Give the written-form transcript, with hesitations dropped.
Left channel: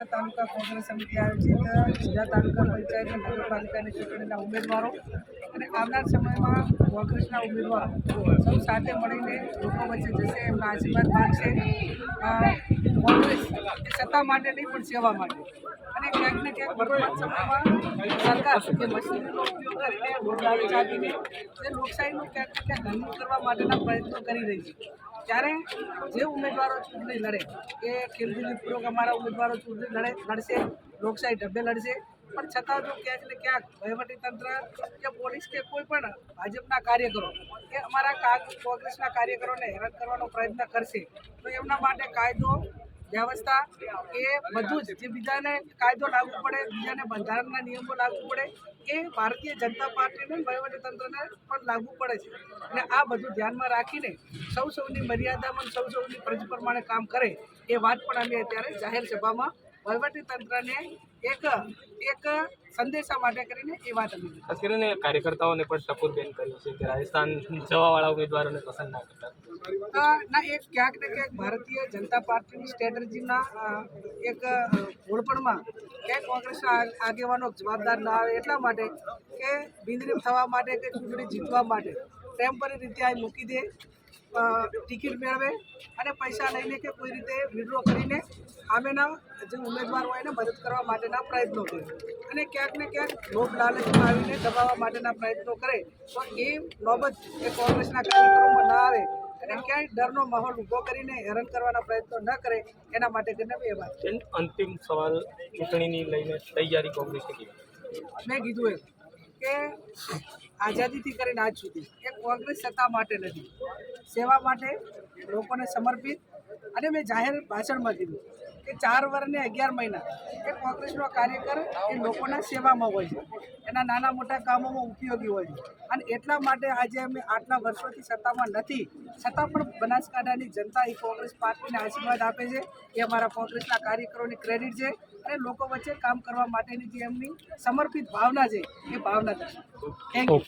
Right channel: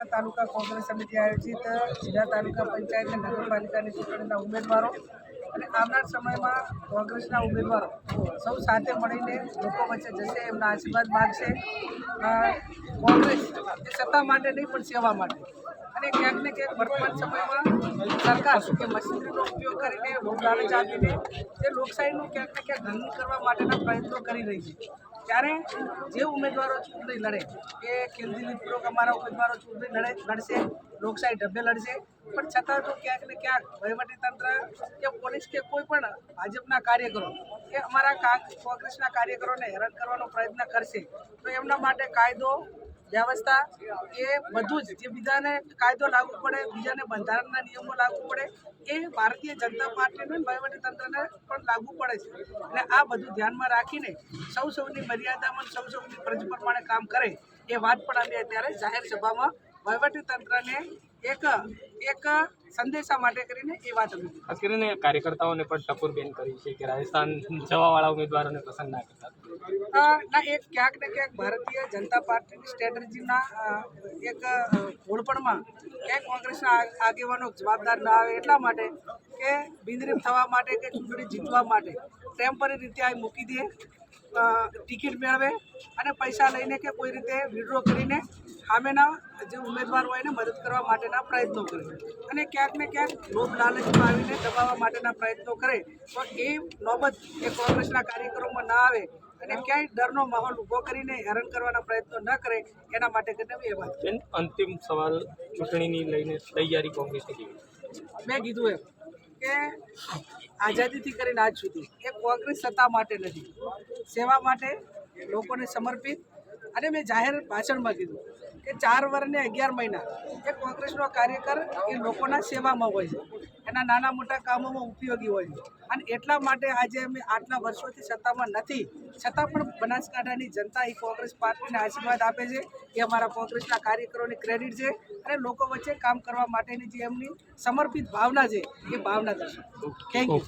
તાલુકા કોંગ્રેસ સમિતિ આયોજિત જિલ્લા તાલુકા પંચાયત અને નગરપાલિકાની ચૂંટણીના ઉમેદવારો અને આવનાર સમયમાં કોંગ્રેસના ઉમેદવારો સૌ સાથે મળીને લોકો વચ્ચે જશે, એમના આશીર્વાદ માગશે. કોંગ્રેસ એ સત્તા માટે નહીં પણ સેવા માટે, અને ક્યાંક ને ક્યાંક વર્તમાન સમયમાં સરકાર એ મશીનરીનો ઉપયોગ કરીને વોટ લાલચ આપીને જે લોકશાહીનું ક્યાંક ને ક્યાંક હનન કરવા માટેના પ્રયત્નો કરી રહી છે. ત્યારે જે ઉમેદવારો ચૂંટણી લડે એ ખેલદિલીપૂર્વક અમારા ઉમેદવારો ચૂંટણી લડશે, લોકશાહી ઢબે લડશે, પણ છતાં જો ક્યાંક ને ક્યાંક વહીવટીતંત્ર કે પોલીસ કે કોઈ પણ ભાજપના કાર્યકરો કે અમારા કોંગ્રેસના કાર્યકરોને હેરાન કરવાનો પ્રયત્ન કરશે તો એમના માટે કાયદો વ્યવસ્થા એ બધું જ જે બીજાને કાયદો લાગુ પડે, બીજાને બંધારણના નિયમો લાગુ પડે, એ ભારતીય જનતા પાર્ટીને વહીવટીતંત્રને પણ લાગુ પડે છે. અને આ બધું ધ્યાનમાં રાખીને સૌની મર્યાદામાં સૌની ફરજ પ્રમાણે કામ કરે એ વાત પણ અમે અત્યારે જાહેર સભામાં વહીવટીતંત્રને એક સંદેશા માટે કરીને એ વાત અમે ખાસ કરીને કાર્યકર્તાઓને પણ ટકોરબેન કરી છે કે રાજસ્થાન જવાવાળા ઉમેદવારોને પસંદ ના કરતા. ના, એક ક્યાંક ને ક્યાંક ભારતીય જનતા પાર્ટીની સ્ટ્રેટેજીના એક ઘોળપણમાં ક્યાંક કોંગ્રેસના આગેવાનો જવાબદાર ના આવે એટલા માટે કે બિનરીફ થવા માટે કે ચૂંટણી જીતવા માટે ટેમ્પરરી રીતે આ મૂકી દે, ટિકિટ મેળવે અને પૈસા લઈને કે કોઈ રીતે વિડ્રો કરીને સામેના જે ઉમેદવાર હોય એને મદદ કરવા માટેના પ્રયત્નો કરે અને ક્યાંક ને ક્યાંક લોભ લાલચમાં આવીને દબાવવા માટેના પ્રયત્નો કરે તો એ નોબત એ કોંગ્રેસના કાર્યકરોમાં ના આવે અને ક્યાંય ડરનો માહોલ ઊભો કરીને હેરાન કરવાના પ્રયત્નો ન કરે એના માટે કરીને એ વાત. અંતિમ સવાલ, ચૂંટણીની લઈને તૈયારી કોંગ્રેસની કેવી? મેં કીધું એમ કે આઝાદીથી કરીને આજ સુધી એ કોંગ્રેસ સત્તા માટે નથી, સેવા માટે, લોકોને સમર્પિત. અને મેં જાહેર ભાષણમાં કીધું કે 4 વર્ષ ને 11 મહિના એ કોંગ્રેસનો કાર્યકર એ લોકોના સેવામાં હોય છે, એના નાના મોટા કામોમાં ઉપયોગી હોય છે. અને એટલા માટે આજે અમે આટલા વર્ષોથી સત્તામાં નથી છતાં પણ બનાસકાંઠાની જનતા એ કોંગ્રેસ પાર્ટીને આશીર્વાદ આપે છે. એ અમારા કોંગ્રેસના કાર્યકરોની ક્રેડિટ છે અને લોકો વચ્ચે કામ કરવા માટેની જે એમની સમર્પિત ભાવના છે એ ભાવના દર્શાવે. Thank you.